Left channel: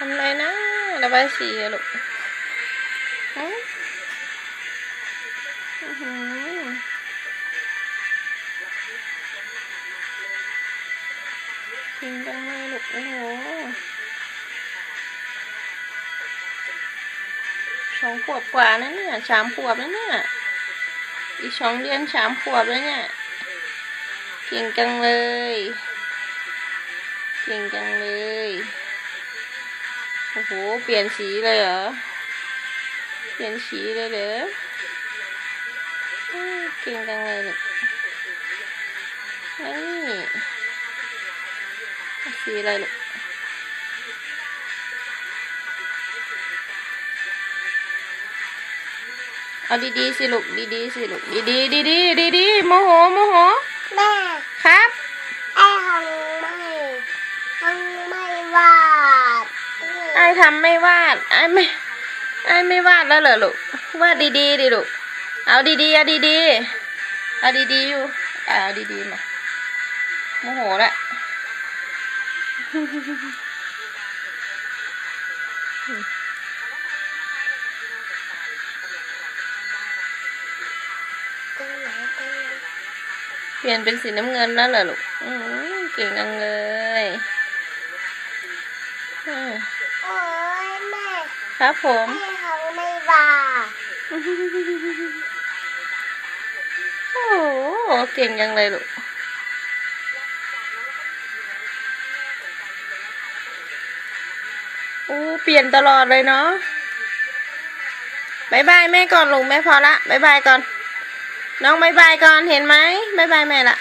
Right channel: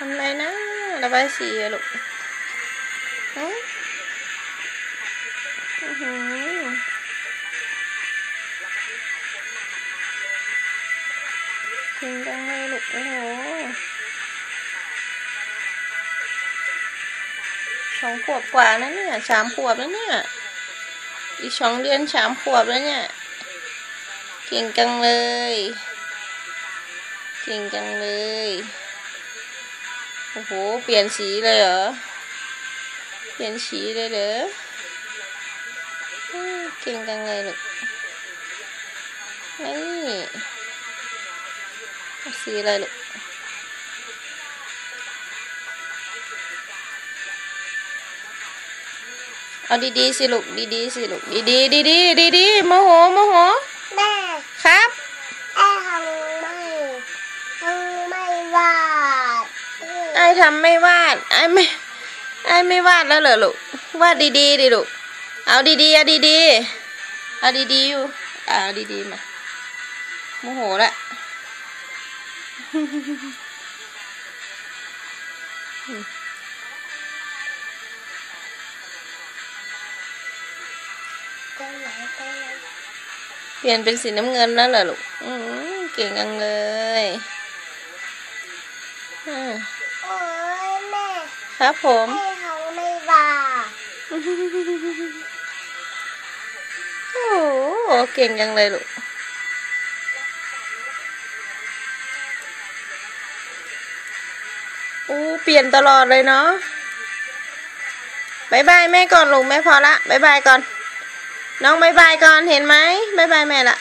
ทำไรนะระบายสีอะลูกฮะอื้อหือจริงจังเลยลูกโอ้โหสองขวบกว่านะเนี่ยสามขวบแล้วเนี่ย อีกสองเดือนสามขวบแล้วเนี่ยเก่งจังเลย เก่งจังเลย โอ้โห เปลี่ยนสีเลยเหรอ เปลี่ยนสีเลยเหรอเก่งจังเลยลูกนี่สีอะไรลูกเอาดีๆสิลูกดีๆสิลูกดีๆดีๆดีๆโมโหโมโหแม่ครับ ไอ้ทำไม่วาดไอ้ไม่ไอ้ไม่วาดแล้วเหรอลูกวาดดีๆดิลูกเอาดีๆเอาดีๆเอาดีๆอยู่เอาดีๆมาโมโหละเปลี่ยนเป็นสีน้ำเงินแล้วเหรอลูกเก่งจังเลยอืม โอ้ยแม่ครับผมไอ้ทำไม่วาดโอ้โหเก่งจังเลยลูกอู้เปลี่ยนตลอดเลยเนาะบายบายแม่ก่อนลูกแม่พอละบายบายก่อน น้องบายบายก่อนเห็นไหมบายบายแม่ละ